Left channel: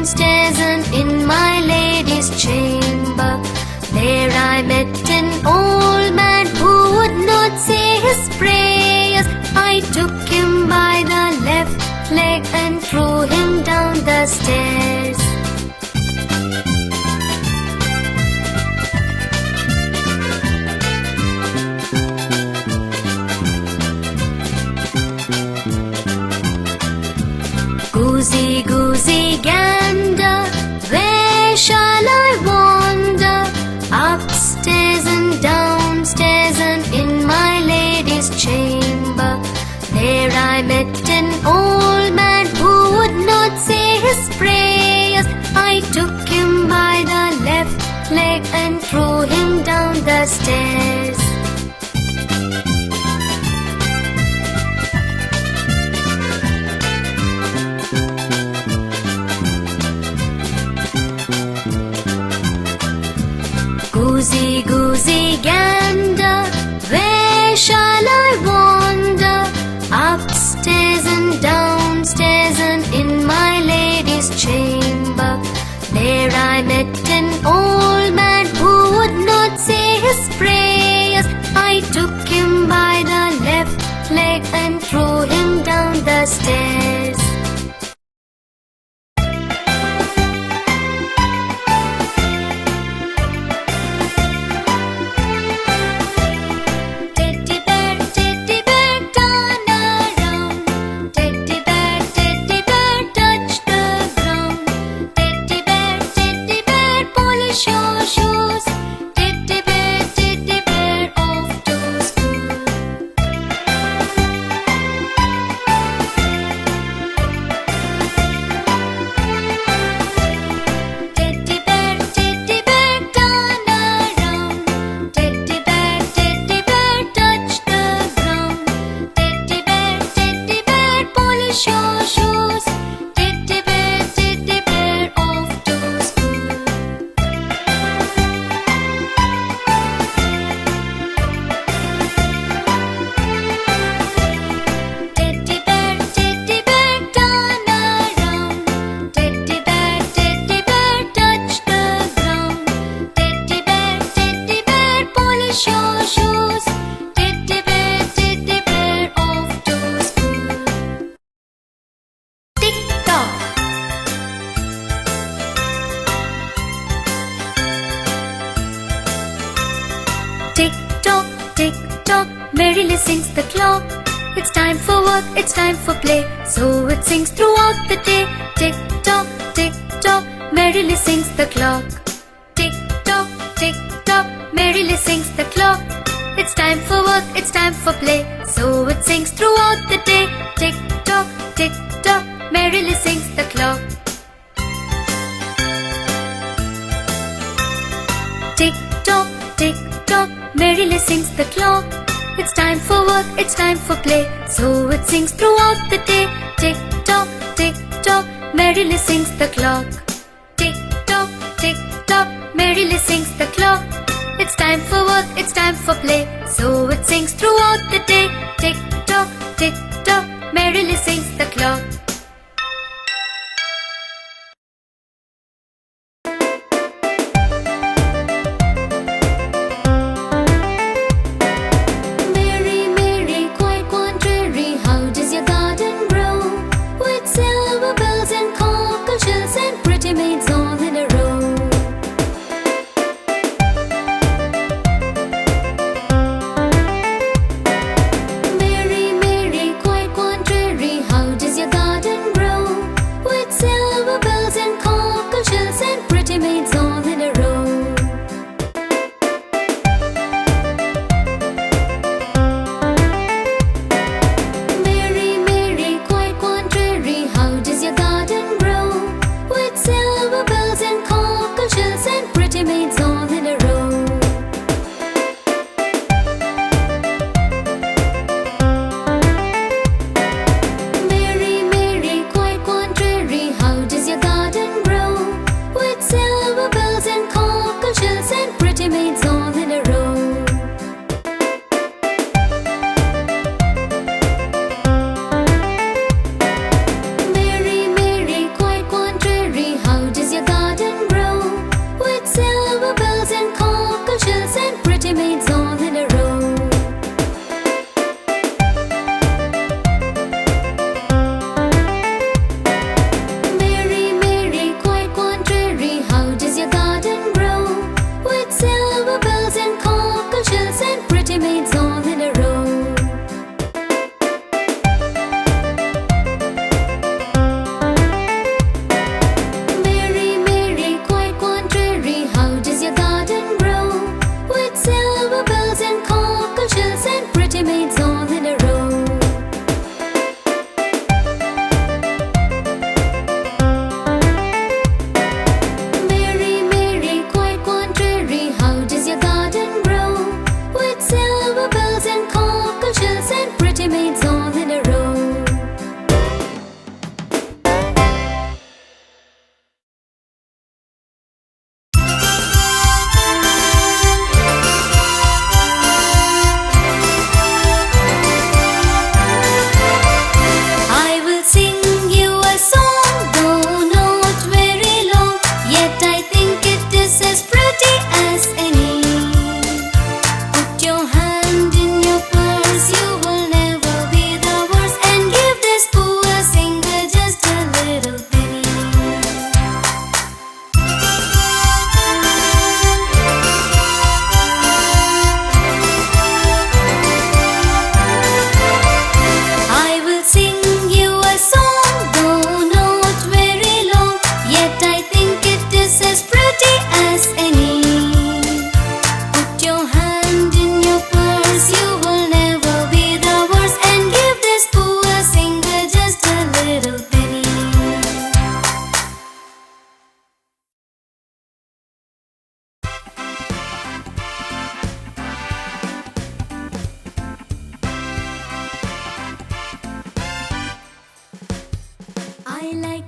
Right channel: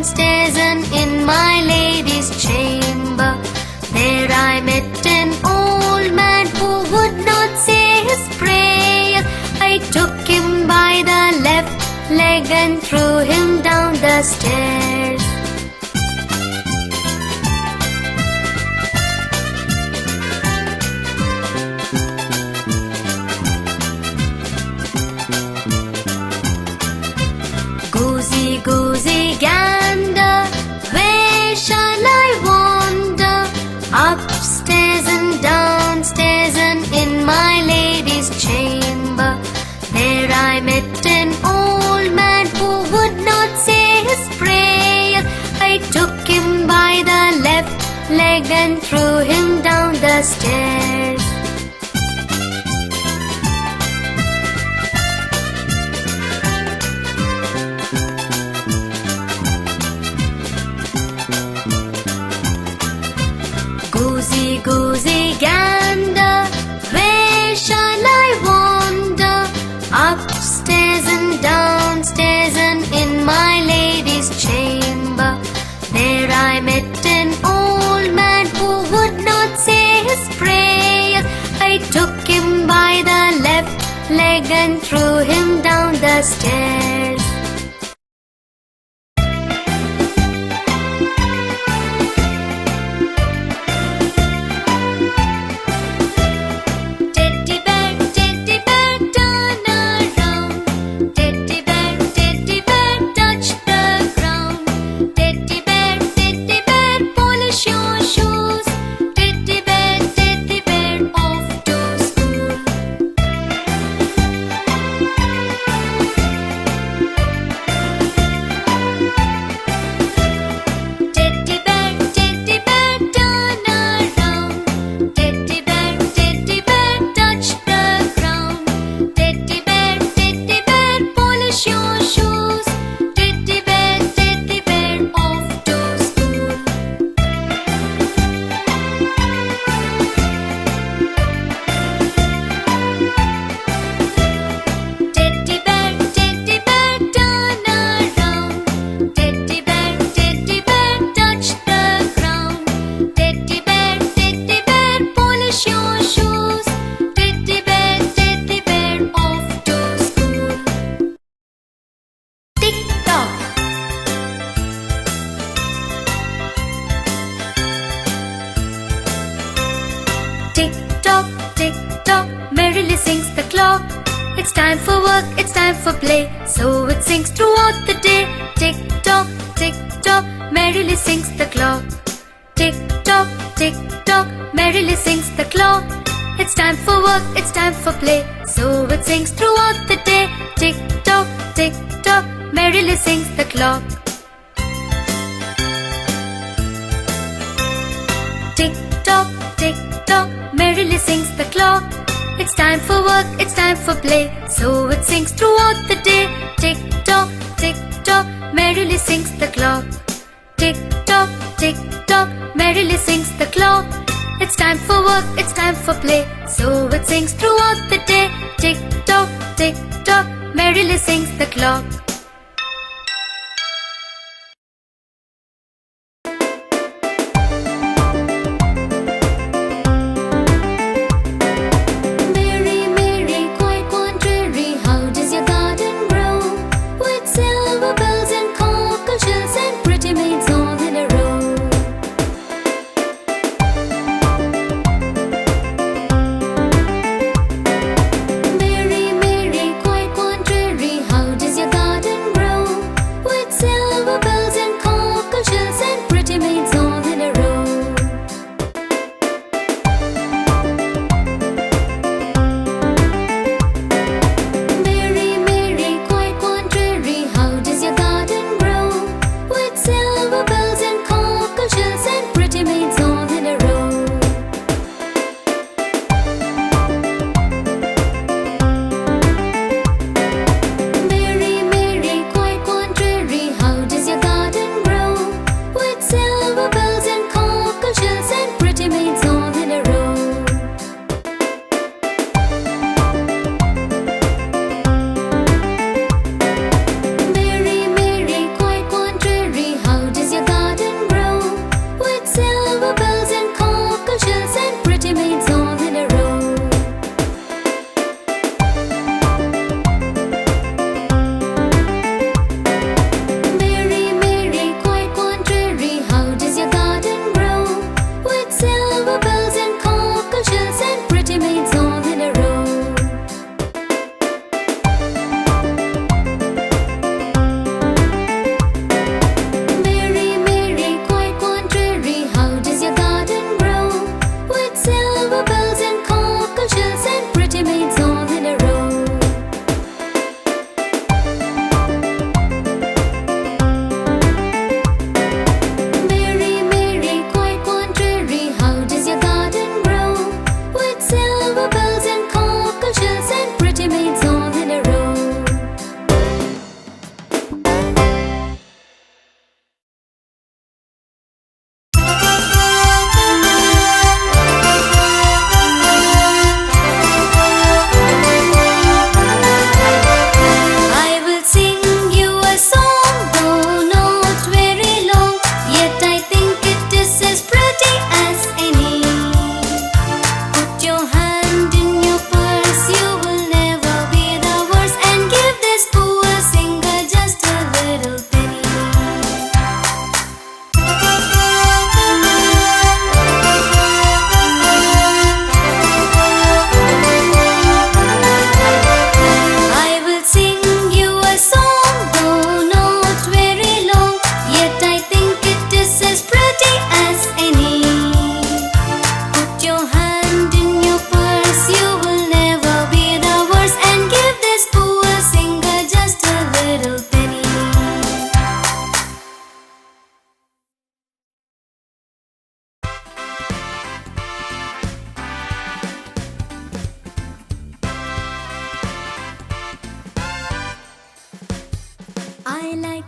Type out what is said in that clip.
downstairs and in my lady's chamber. There I met an old man who would not say his prayers. I took him by the left leg and threw him down the stairs. Goosey, goosey, gander, where shall I wander? Upstairs and downstairs and in my lady's chamber. There I met an old man who would not say his prayers. I took him by the left leg and threw him down the stairs. Goosey, goosey, gander, where shall I wander? Upstairs and downstairs and in my lady's chamber. There I met an old man who would not say his prayers. I took him by the left leg and threw him down the stairs. Teddy bear, turn around. Teddy bear, touch the ground. Teddy bear, polish your shoes. Teddy bear, off to school. Teddy bear, turn around. Teddy bear, touch the ground. Teddy bear, polish your shoes. Teddy bear, off to school. Teddy bear, turn around. Teddy bear, touch the ground. Teddy bear, polish your shoes. Teddy bear, off to school. Tick tock. Tick tock, merrily sings the clock. It's time for work, it's time for play, so it sings throughout the day. Tick tock, merrily sings the clock. Tick tock, merrily sings the clock. It's time for work, it's time for play, so it sings throughout the day. Tick tock, merrily sings the clock. Tick tock, merrily sings the clock. It's time for work, it's time for play, so it sings throughout the day. Tick tock, merrily sings the clock. Tick tock, merrily sings the clock. It's time for work, it's time for play, so it sings throughout the day. Tick tock, merrily sings the clock. Mary, Mary, quite contrary, how does your garden grow? With silver bells and cockle shells and pretty maids all in a row. Mary, Mary, quite contrary, how does your garden